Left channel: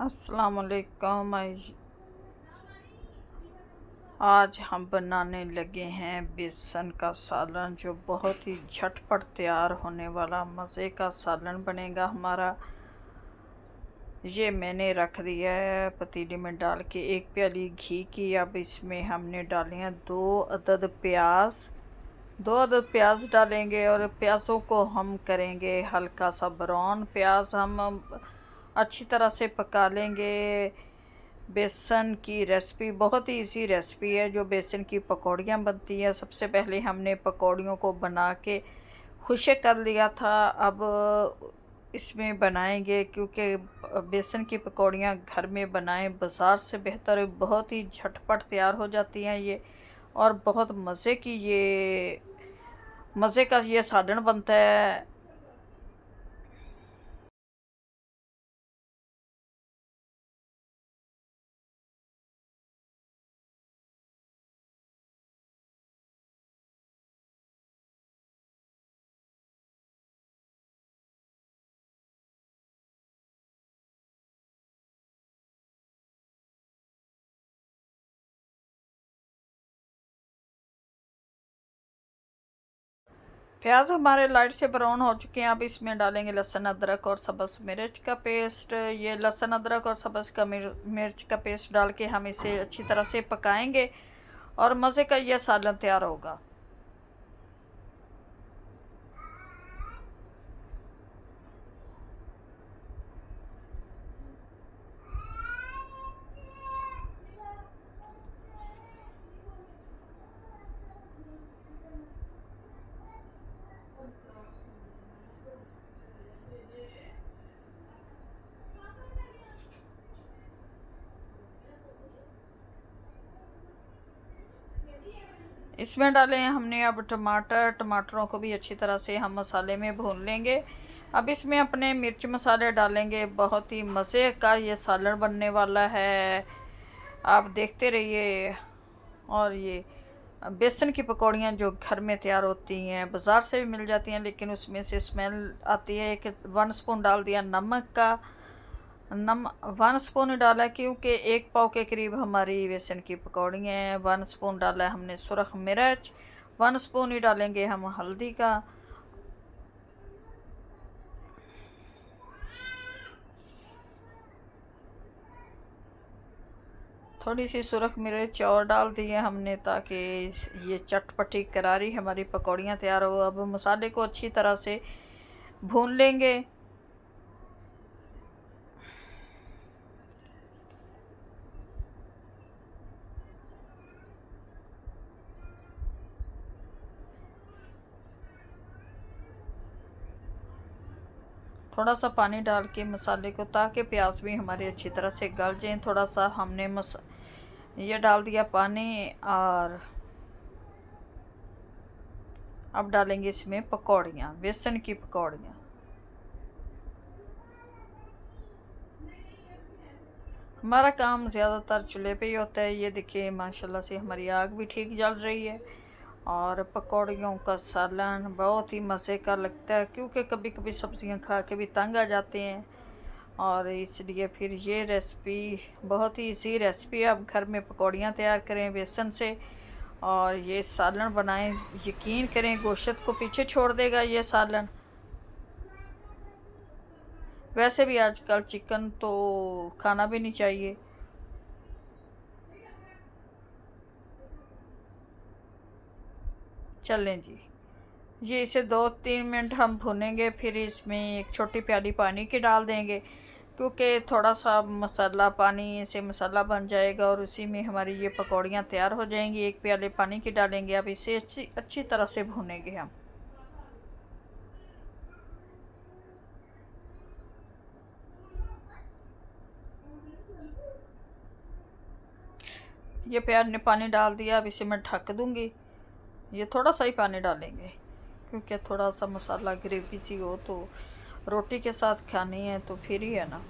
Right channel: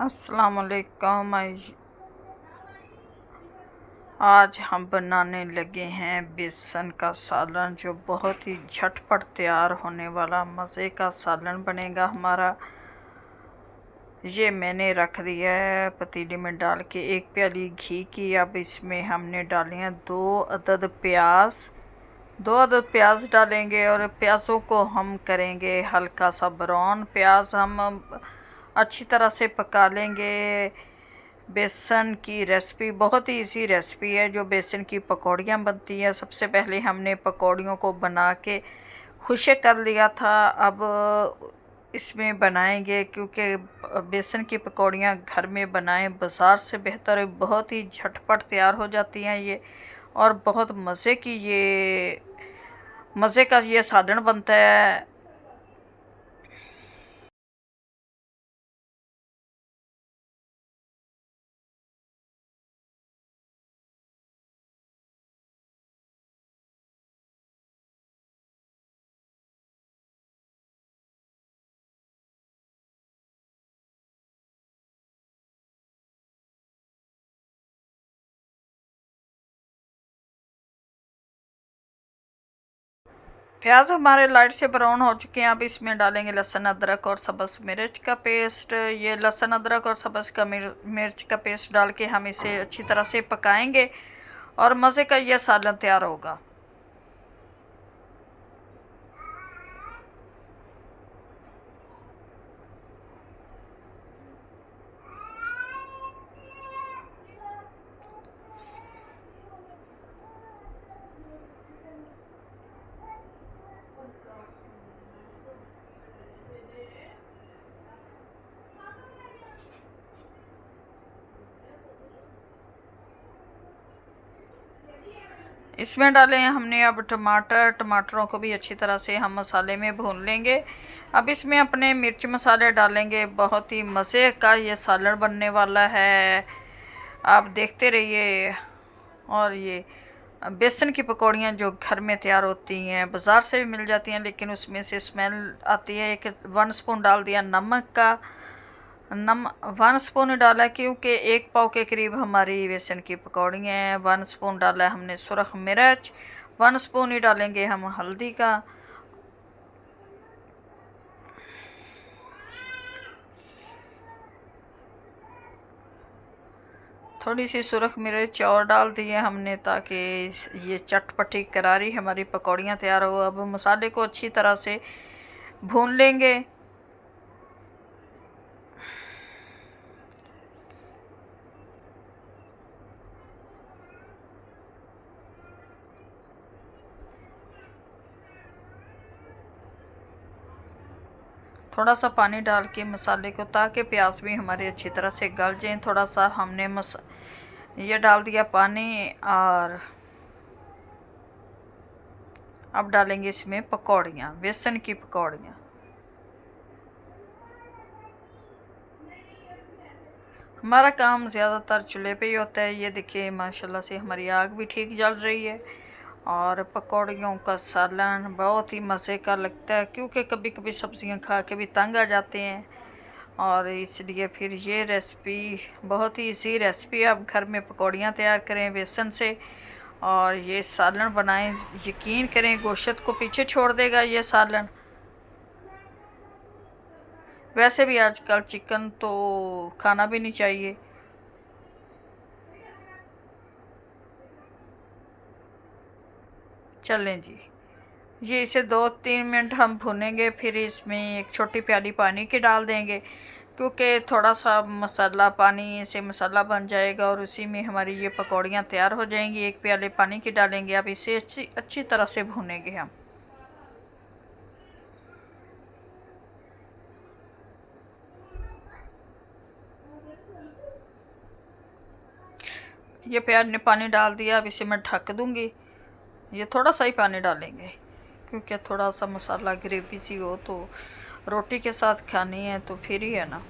अस्सलाम वालेकुम। आज हम बनाने लगे हैं बेसन का सालन, जो बहुत ही झटपट तैयार होने वाला मज़े का सालन बनेगा हमारा। ये मैंने रख दिया है पतीले में डाल के 1 प्याली घी की। अब इसमें हमने डाले हैं 2 अदद प्याज। 2 अदद प्याज डालेंगे और प्याज़ों को हम करेंगे हल्का सा ब्राउन। प्याज हम अच्छी तरह से पका लेंगे। बेसन की रेसिपी बहुत ही इजी रेसिपी है, जो बेसन की पकौड़ियाँ बनती हैं। सबसे पहले हमने पकौड़ियों को बना के खुशक कर लिया था। अब इसमें बनाएंगे, क्योंकि बेसन की पकौड़ियाँ घर में बनाएं बाज़ार से बेहतर है। बहुत ही झटपट तैयार हो जाती हैं ये, और बहुत मज़े का ये सालन बनता है। प्याज हमारे लाइट से ब्राउन हो चुके हैं। अब इसमें डालेंगे लहसुन अदरक और सब्ज़ मिर्च का पेस्ट। ये लहसुन अदरक और सब्ज़ का मिर्च का पेस्ट डाल के हम इसे अच्छी तरह से पकाएंगे और मज़े का यह सालन तैयार होगा। इसमें डाले हैं हमने अब टमाटरों को भी अच्छी तरह से हम मसाले में भून लेंगे। अब इसमें अपने मिर्च मसाले डालेंगे। बहुत ही मज़े का ये सालन बनने वाला है, आप देखते रहिए। और ये बेसन की पकौड़ियाँ जो घर में तैयार होती हैं, बाज़ार से भी मिल जाती हैं, लेकिन उसमें से स्मेल आती है। 1 स्पून डाल दिया नमक का। 1 स्पून डाला, क्योंकि 1 पाव के करीब हमारी बेसन की पकौड़ियाँ हैं। 1 स्पून डाला है हमने सुरख मिर्च। 1 स्पून ही डालेंगे हम हल्दी का। थोड़ी सी सुरख मिर्च और डाल दी है हमने, ताकि ये चटपटी करारी हमारी पकौड़ियाँ तैयार हो। अब मसाले को अच्छी तरह से भून लेंगे। थोड़ा सा पानी डाल के मसाले को, ताकि प्याज भी हमारे अच्छी तरह से गल जाए। थोड़ा सा हमने ये डाल दिया पानी। और अब डालेंगे इसमें पकौड़ियाँ, बेसन की पकौड़ियाँ। हमारा काम ज़्यादातर चूल्हे पे ही होता है। ये देखिए माशाल्लाह से हमारी आग भी ठीक जल रही है। और पकौड़ियों का सालन बहुत ही मज़े का लगता है, क्योंकि कभी कभी सब्ज़ियाँ खा के भी तंग आ जाते हैं। और इसलिए फिर ये रेसिपी बहुत ही इजी रेसिपी है। आप घर में पकौड़ियाँ तैयार करें बेसन से और ये सालन बनाएं। यकीन करें, गोश्त को पीछे छोड़ देगा ये सालन। वैसे भी आजकल चिकन तो खाना भी नहीं चाहिए। चलें जी, ये इसे 2-3 मिनट हम भूनेंगे। फिर इसमें 1 छोटी प्याली पानी की डाल देंगे, क्योंकि थोड़ा सा मसाला पानी से मसाला बन जाएगा और उसी में हमारी ये पकौड़ियाँ तैयार हो जाएंगी। 1 प्याले पानी की डालेंगे। अब इसे अच्छी अच्छी तरह से भूनेंगे हम। ये प्याज ने पानी डाल दिया। अब इसे मैं ढक दूँगी। ये थोड़ा सा ही पानी डालेंगे, क्योंकि थोड़ा सा मसाला ग्रेवी सी हो तो रोटी के साथ खानी है तो फिर ही है ना।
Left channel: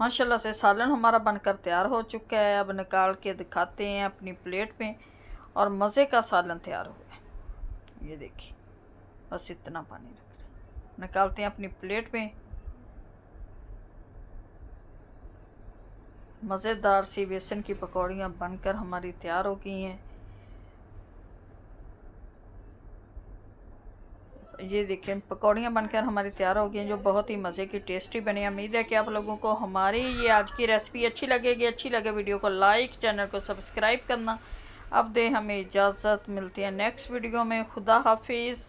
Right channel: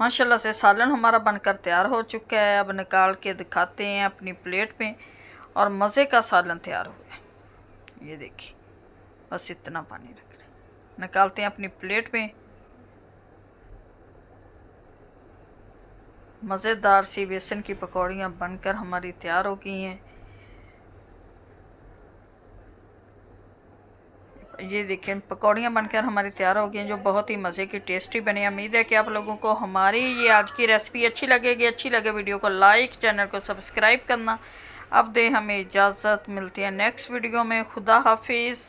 माशाल्लाह से सालन हमारा बनकर तैयार हो चुका है। अब निकाल के दिखाते हैं अपनी प्लेट में। और मज़े का सालन तैयार हुआ है। ये देखिए, बस इतना पानी रख रहे हैं। निकालते हैं अपनी प्लेट में। मज़ेदार सी बेसन की पकौड़ियाँ बनकर हमारी तैयार हो गई हैं। ये देखें, पकौड़ियाँ बनकर हमारी तैयार हो गई हैं, जो बहुत ही मज़े की टेस्टी बनी। उम्मीद है कि आप लोगों को हमारी ये आज की रेसिपी अच्छी लगेगी। अच्छी लगे वीडियो को लाइक, चैनल को सब्सक्राइब करना। अब दे हमें इजाज़त, मिलती है नेक्स्ट वीडियो में। खुदा हाफिज़।